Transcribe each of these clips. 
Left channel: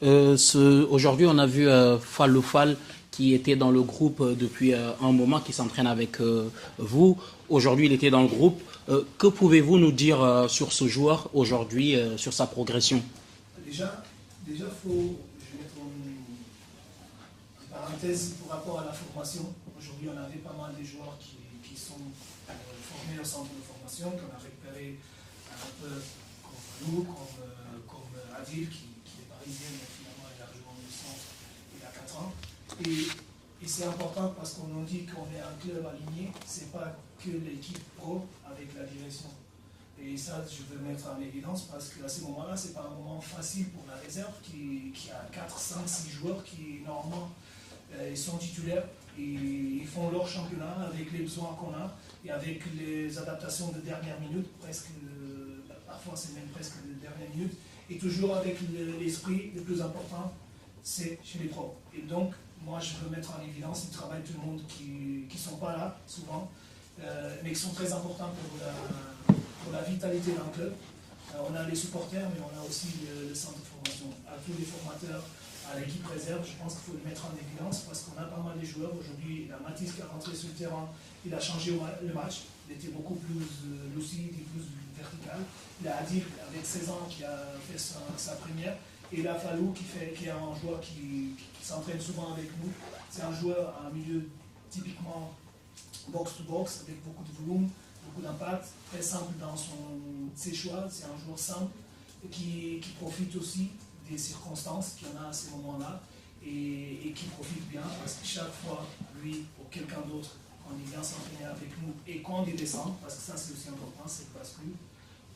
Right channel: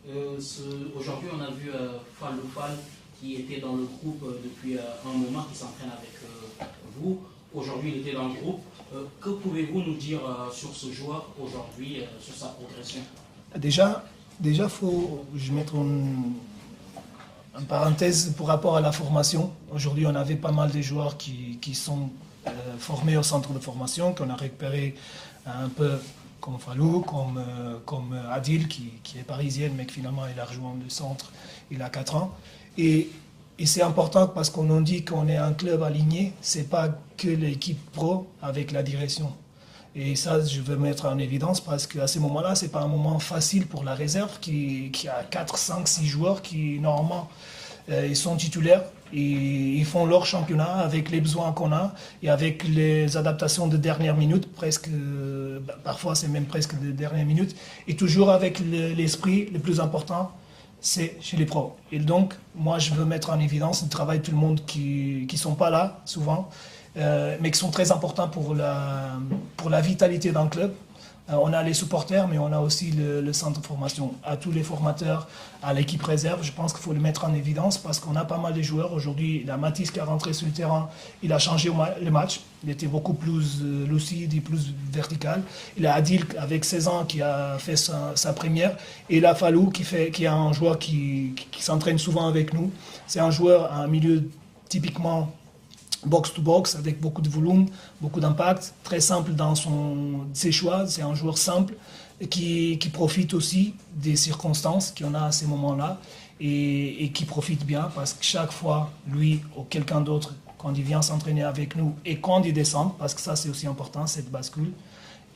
Aujourd'hui, on a vu Fallou Fall qui était dans le groupe depuis un moment, qui s'entraîne avec vous. Aujourd'hui, il était dans le groupe. Que pouvez-vous nous dire sur ce joueur aujourd'hui, sur sa progression? Déjà, déjà faut je mettre en parenthèse pour rapport à la formation. Aujourd'hui, on avait pas mal de joueurs qui sont formés au centre de formation, qu'on a récupéré un peu comme Fallou, comme Adil, qui est parisienne, mais qui finalement il a rejoint le centre il a 4 ans. Et c'est important parce qu'on nous dit qu'on est un club aligné, c'est pas que l'équipe pro avec la direction. Et ça, je veux mettre en évidence parce qu'à ce moment-là, c'est pas un moment facile pour la réserve qui a 4, 5, 6 joueurs qui, normalement, ils sont titulaires et ils font leur championnat avec les besoins qu'on a et avec les adaptations de dernière minute, presque, parfois c'est même presque de dernière minute, et toujours avec l'esprit le plus important, c'est chez les pros. Et donc, moi, je veux mettre en évidence le travail de tout le monde qui ne sont pas là, souvent, mais qui sont très importants pour la vitalité d'un club. On a les supporters, mais on a aussi le centre de formation. À tous les formateurs, à l'équipe réserve, je pense qu'il faut le mettre en évidence parce qu'on a pas mal de joueurs. Aujourd'hui, il y a Mathis qui est rentré sur le terrain, il a changé le match. Il était beaucoup plus lucide et plus vertical. Il y a Adil avec 16 ans qui a fait sa première. Et il y a Fallou qui est un joueur qui s'entraîne souvent avec nous. C'est un joueur, un milieu typiquement box-to-box avec beaucoup de volume, beaucoup d'impact, très simple dans ses choix. C'est un joueur simple qui profite aussi des circonstances qu'on a à ces moments-là et qui profite bien parce que chaque fois, lui ou quelqu'un d'autre, quand il vient s'entraîner avec nous et quand il descend, parce que ça c'est aussi important, cette bascule,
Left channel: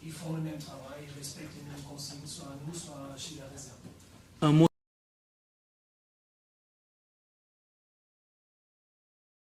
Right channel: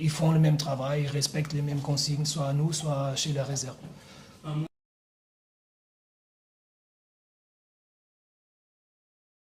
ils font le même travail, ils respectent les mêmes consignes, soit à nous, soit chez la réserve. Un mot